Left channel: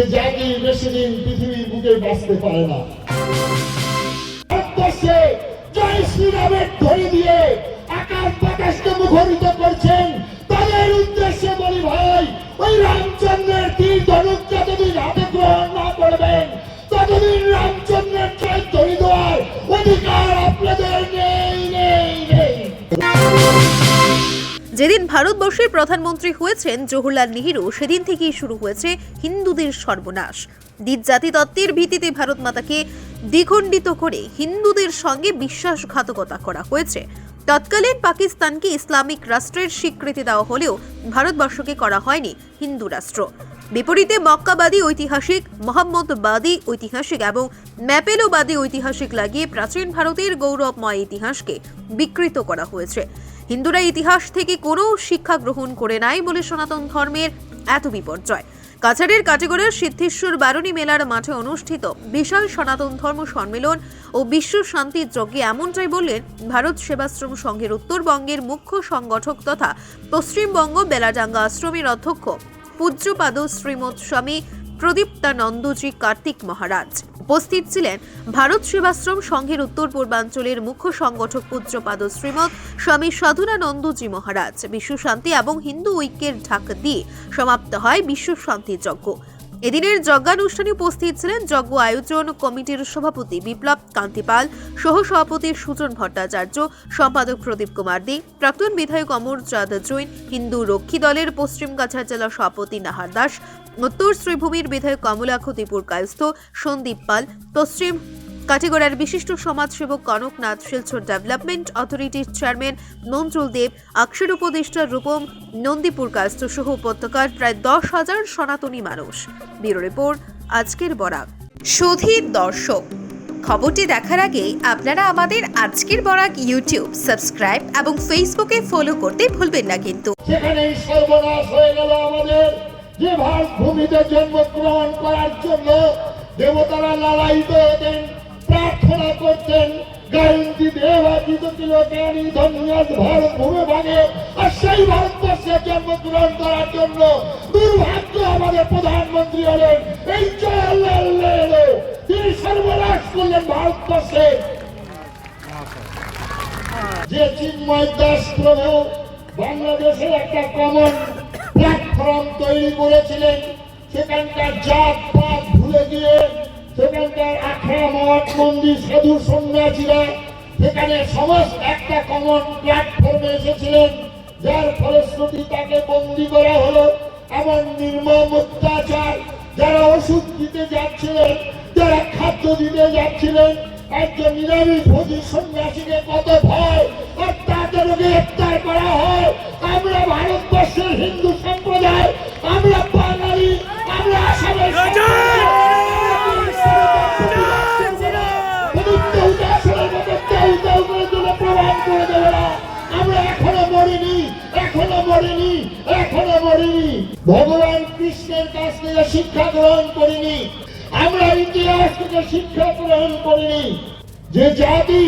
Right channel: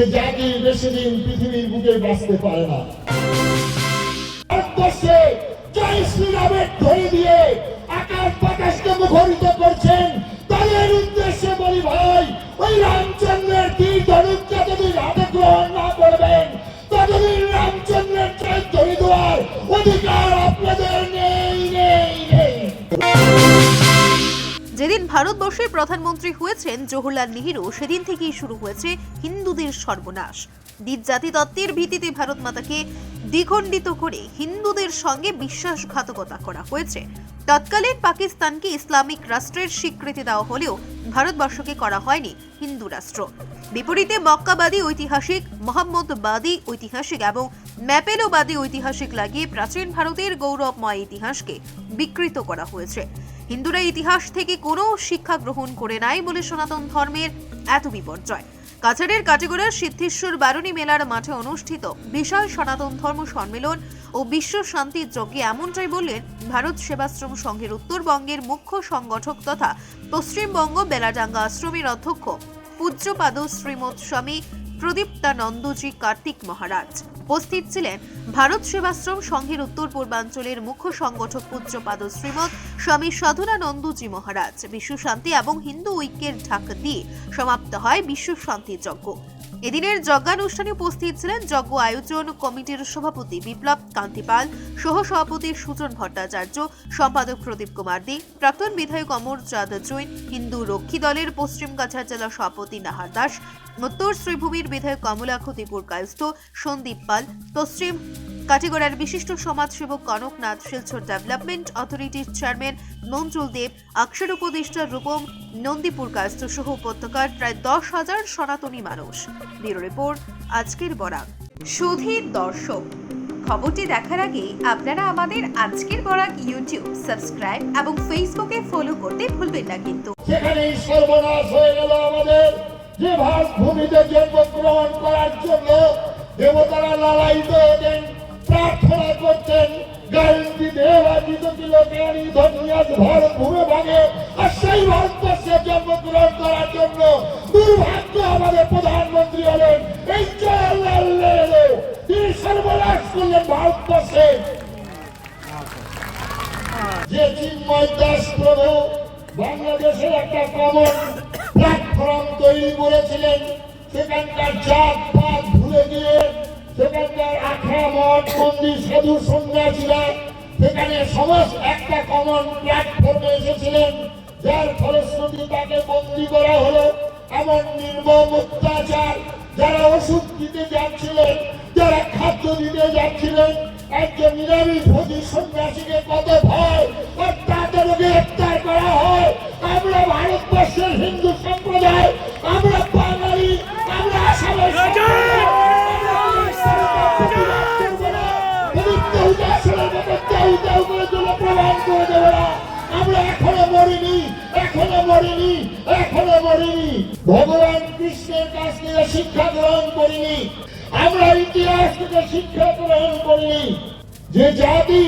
সে জাতি বেশি দিন পৃথিবীর বুকে বাঁচতে পারে না। ভারতবর্ষে জয় শ্রীরামের ধ্বনি দিয়ে আকাশ বাতাসকে মুখরিত করছেন, তাদের উদ্দেশ্যে বলি ভাই, ওই রামচন্দ্রের তীর ধনুক যতদিন হাতে গ্রহণ না করবেন ততদিন রামচন্দ্রের জয় ধ্বনি দেওয়ার অধিকার আপনাদের নেই নেই নেই। যেদিন ভারতবর্ষের প্রধানমন্ত্রী হয়েছেন জওহরলাল নেহেরু, সেদিন থেকেই শুরু হয়েছে হিন্দুদের সর্বনাশ। দ্বিজ জাতিতত্ত্বের ভিত্তিতে ভারত মাতাকে দ্বিখণ্ডিত করে হিন্দুদের সঙ্গে বিশ্বাসঘাতকতা করা হয়েছে। তৎকালীন পাকিস্তানকে ইসলামিক রাষ্ট্রের স্বীকৃতি দেওয়া হলেও ভারতবর্ষকে করা হয়নি হিন্দু রাষ্ট্র। বিপরীতে মক্কাবাদী ঐতিহাসিক, মোহাম্মদবাদী ঐতিহাসিক এবং ম্যাপেলোবাদী ঐতিহাসিক লাগিয়ে প্রাচীন ভারতের গৌরবময় ইতিহাসকে বিকৃত করা হয়েছে। হিন্দুরা ইতিহাস থেকে কোনো শিক্ষা গ্রহণ করে নাই বলে সনাতন ধর্মের এত বিপর্যয়। কাছাড়ের কাটিগড়ার সিদ্ধেশ্বর বারুণী মেলার মাঠে অনুষ্ঠিত বিশাল সনাতন ধর্ম সম্মেলন ও বিশ্ব শান্তির যজ্ঞে এমনটাই বললেন ভারত সেবাশ্রম সংঘের উত্তরবঙ্গের মুখ্য সংগঠক তথা পশ্চিমবঙ্গ বেলাডাঙ্গা আশ্রমের অধ্যক্ষ পূজ্যপাদ শ্রীমৎ স্বামী প্রদীপ্তানন্দজি কার্তিক মহারাজ। উপস্থিত ছিলেন ভারত সেবাশ্রম সংঘের উত্তর পূর্বাঞ্চলের মুখ্য সংগঠক পূজ্যপাদ শ্রীমৎ স্বামী সাধুরানন্দজি মহারাজ। বিশ্ব শান্তি এবং হিন্দু ঐক্যের ঢাক দিয়ে সমাপ্ত হয় বিশ্ব শান্তি যজ্ঞ। এদিনের যজ্ঞানুষ্ঠানে উপস্থিত ছিলেন যজ্ঞ আয়োজন কমিটির সভাপতি বিপ্লব কান্তি পাল, সহ সভাপতি সুজন ভট্টাচার্য, সম্পাদক প্রদীপ কুমার দে, প্রাক্তন বিধায়ক অমর চাঁদ জৈন, হিন্দু রক্ষী দলের পশ্চিম কাছাড় জেলা সভাপতি নাহার দাস, উত্তর শ্রীভূমির বিধায়ক কমলাক্ষ ত্রিপুর কায়স্থ, সন্দীপ পাল, পশ্চিম কাটিগড়ার বিশিষ্ট সমাজসেবক কনকনাথ, শিলচর ডেভেলপমেন্ট অথরিটির চেয়ারম্যান মঞ্জুল দেব, আকশের উপদেষ্টা রূপম, নন্দীপুর কায়স্থ সহ উপত্যকার প্রায় 10,000 সনাতনী মানুষ। ব্যুরো রিপোর্ট, আজকের বরাক। সুধীর দর্শক, খবরটি দেখার আগে আপনারা আমাদের আজকের বরাক ইউটিউব সাবস্ক্রাইব এবং ফেসবুকে ফলো করতে ভুলবেন না কিন্তু। সেখানেই সর্বনাশ হয়ে গেল আমাদের। যে ভারত ভূমিতে জন্মগ্রহণ করার জন্য দেবতারা লালায়িত হতেন, প্রার্থনা করতেন, গায়ন্তি দেবাদিত কিলকানি ধন্যাদ ভারত ভূমি ভাগে, আর সেই ভারতবর্ষে জন্মগ্রহণ করার জন্য দুর্ভাগ্য আমাদের প্রধানমন্ত্রী হলেন এই জওহরলাল নেহেরু। তিনি সর্বনাশ করলেন ভারতবর্ষে। যে চিন্ময় দাস প্রভু বাংলাদেশের একটা কমন প্ল্যাটফর্ম তৈরি করেছিলেন, সেখানকার জাত পাত ভুলে গিয়ে সেখানকার আখড়া মঠ মন্দির সাধু সন্ন্যাসীরা সেখানে সমস্ত একটা কমন প্ল্যাটফর্মে এসেছিলেন, যার ফলশ্রুতি তাকে বন্দী করা হলো। এমন নির্মম অত্যাচার, যারা ওষুধ দিতে যাচ্ছিলেন, যারা খাদ্য দিতে যাচ্ছিলেন, একজন নিরামিষ ভোজী সন্ন্যাসীকে কত ভয়, আর তাদেরকে গ্রেফতার করা হয়। আমরা ভারতবর্ষের হিন্দু সম্প্রদায়, আমরা বাঙালি, আমরা আসামের আমরা এখনো মরিনি, এখনো মরিনি, এখনো মরিনি। ভগবান কৃষ্ণের কাছ থেকে শিক্ষা গ্রহণ করিনি, আমরা ইতিহাস থেকে শিক্ষা গ্রহণ করিনি। যে জাতি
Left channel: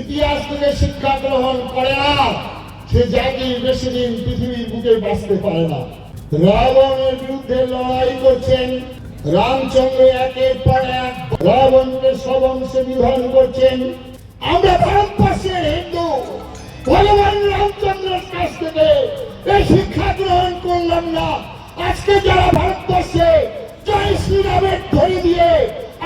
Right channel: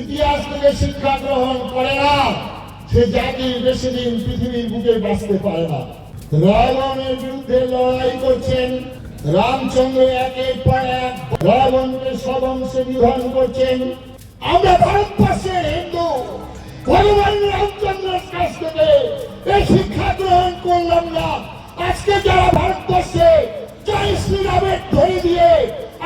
ইতিহাস থেকে শিক্ষা গ্রহণ করে না, সে জাতি বেশি দিন পৃথিবীর বুকে বাঁচতে পারে না। রাবণের বিরুদ্ধে লড়াই করছেন রামচন্দ্র, একের পর এক রাবণকে সবংশে বিধান করছেন। আমরা ভারতবর্ষের হিন্দু ভগবান রামচন্দ্রের কাছ থেকে এই শিক্ষা গ্রহণ করলাম না। আজকে যারা ভারতবর্ষে জয় শ্রীরামের ধ্বনি দিয়ে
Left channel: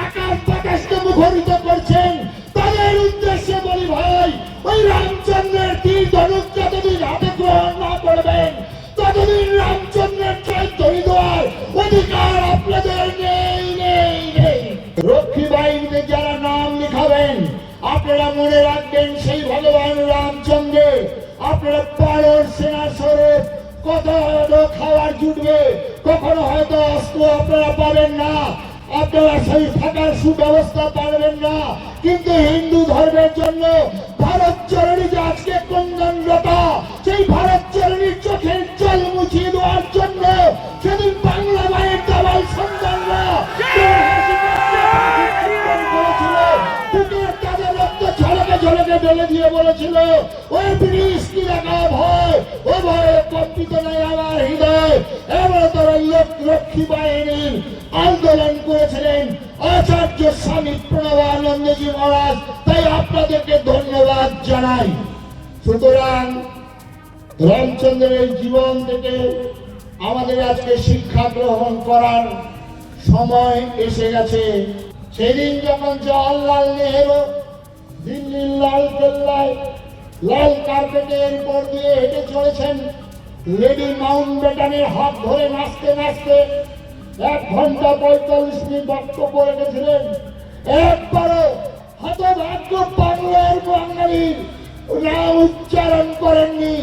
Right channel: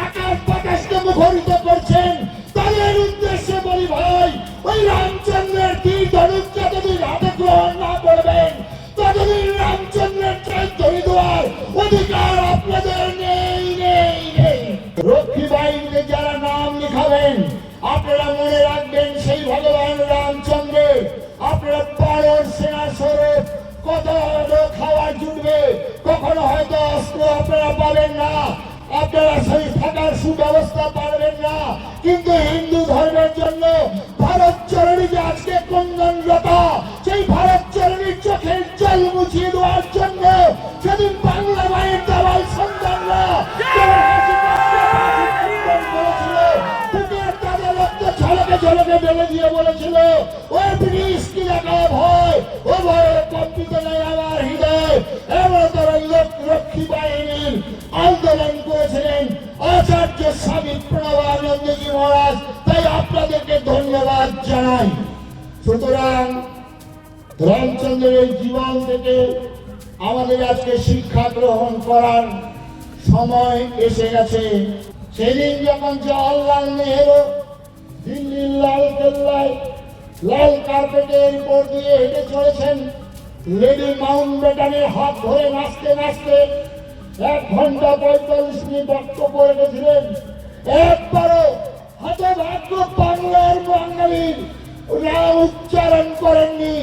আকাশ বাতাসকে মুখরিত করছেন, তাদের উদ্দেশ্যে বলি ভাই, ওই রামচন্দ্রের তীর ধনুক যতদিন হাতে গ্রহণ না করবেন ততদিন রামচন্দ্রের জয় ধ্বনি দেওয়ার অধিকার আপনাদের নেই নেই নেই। রক্ষী বাহিনীতে যারা নাম লিখাবেন, আপনারা মনে রাখবেন সেই ভগবান রামচন্দ্রের আপনারা পারর সেনা স্বরূপ কত খাবার জুটবে, কখনো হয়তো অস্ত্র আপনারা পাবেন না, আপনারা সেই থাকার সুব্যবস্থা পারবেন না, কিন্তু হিন্দু ধর্মের জন্য ভারত চরণী যে আজকে ক্রন্দনরত, সেই ভারত চরণীর চোখের জল মুছিয়ে দেওয়ার জন্য সেদিন বাংলা মায়ের দাবাল সন্তানরা তাদের রক্ত ঝলকে ঝলকে ঢেলে দিয়ে বলেছিল, ওই ব্রিটিশ কি দেখা ভয়, ও ভয়ে কম্পিত নয় আমার হৃদয়। এমন তোর লক্ষ্মী বাহিনীর থেকে আমাদের আজকে শিক্ষা গ্রহণ করার সময় এসে গেছে। সেদিন যখন জওহরলাল নেহেরু দিল্লির লাল কেল্লায় লাল কার্পেটের উপর দিয়ে হেঁটে চলেছেন, লেডি মাউন্ট ব্যাটেনের হাত ধরে নাচতে নাচতে 1 ঘন্টা 45 মিনিট বক্তব্য রেখেছিলেন। একবারও হতভাগ্য বাংলার বাঙালির নাম উচ্চারণ করেননি।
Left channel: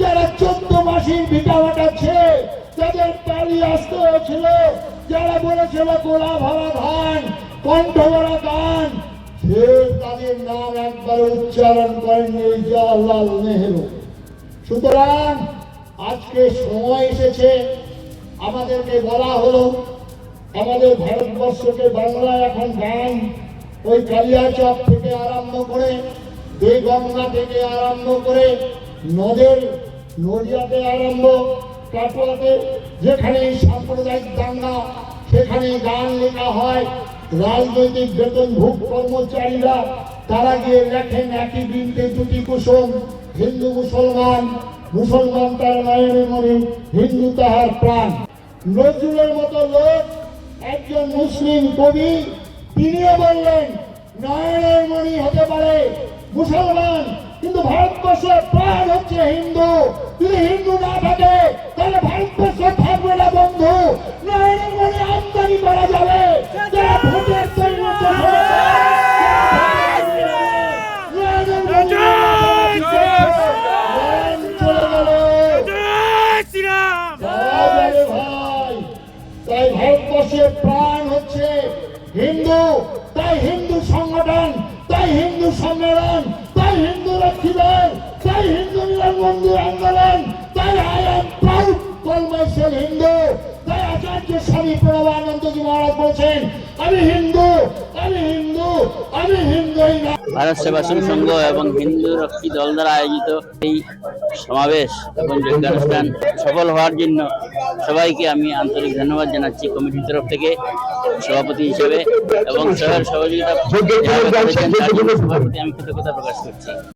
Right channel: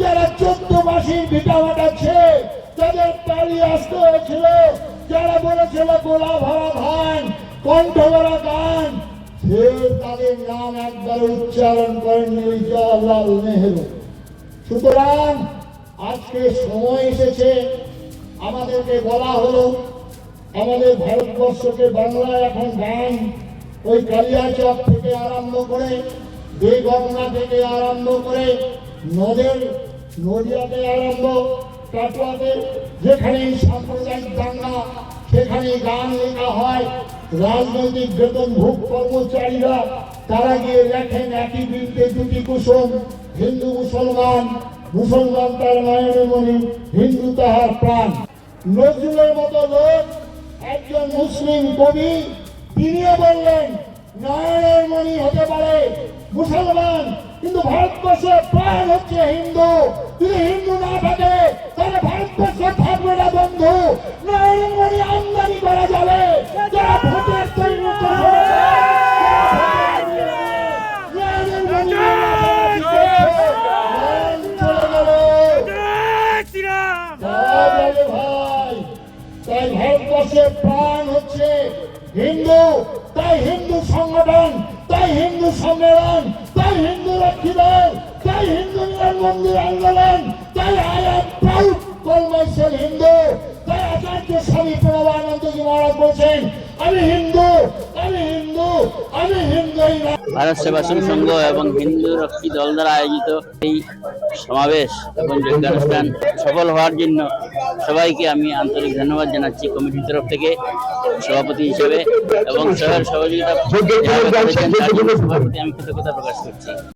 যারা 14 মাসের ভিটামাটা ছেড়ে তাদের পালিয়ে আসতে হয়েছিল, যারা বলেছিল গোলা ভরা ধান কণ্ঠ ভরা গান, সে তাদের নাম একবারও উচ্চারণ করেননি ওই জওহরলাল নেহেরু। সুতরাং আজকে সময় এসেছে, আমাদেরকে বলা হলো আমাদের ভারতবর্ষকে বাংলা এখন গান ওই কালিয়াচক থেকে আরম্ভ করে বেগমনা থেকে আরম্ভ করে নদিয়াতে আরম্ভ কাটোয়াতে যেখানে সাম্প্রদায়িক দাঙ্গা সেখানে গান লেখা হয়। রাজনৈতিক বেতনভোগ কর্মচারীরা তারা গিয়ে লেখেন একই বৃন্তে দুটি কুসুম, হিন্দু মুসলমান, মুসলমান তার নয়নে মনে, হিন্দু তাহার প্রাণ। নজরুলের মতো লোক একজন মুসলিম কবি, তিনিও বললেন নয়নের মণি হতে পারে মুসলমান, কিন্তু ভারতবর্ষের প্রাণ হচ্ছে হিন্দু। যদি হিন্দু না থাকে তাহলে ভারতবর্ষ থাকবে না বন্ধু। নয়নের মণি আমদানি করা যাবে, যারা ভোটের তৈরি করবে, তাই ভারতবর্ষের প্রাণ হচ্ছে হিন্দু। তাই হিন্দু সংগঠন, তাই হিন্দু সম্মেলন, তাই হিন্দু রক্ষীদল, তাই হিন্দু নিরঞ্জনদী আন্দোলন, তাই I am proud call myself Hindu. তাই আচার্য স্বামী প্রণবানন্দজি মহারাজ বলছেন আমি হিন্দু, আমি হিন্দু, আমি হিন্দুই না। ভারত সেবাশ্রম সংঘ এবং হিন্দু রক্ষী দল দ্বারা আয়োজিত এই সমাবেশ এবং যজ্ঞানুষ্ঠান সফল হওয়ার জন্য সবাইকে আমি আন্তরিক ধন্যবাদ জানাচ্ছি কমিটির তরফ থেকে সভাপতি হিসেবে, এবং সবার সহযোগিতা যারা করেছেন তার জন্য সবার প্রতি আমি কৃতজ্ঞতা প্রকাশ করছি।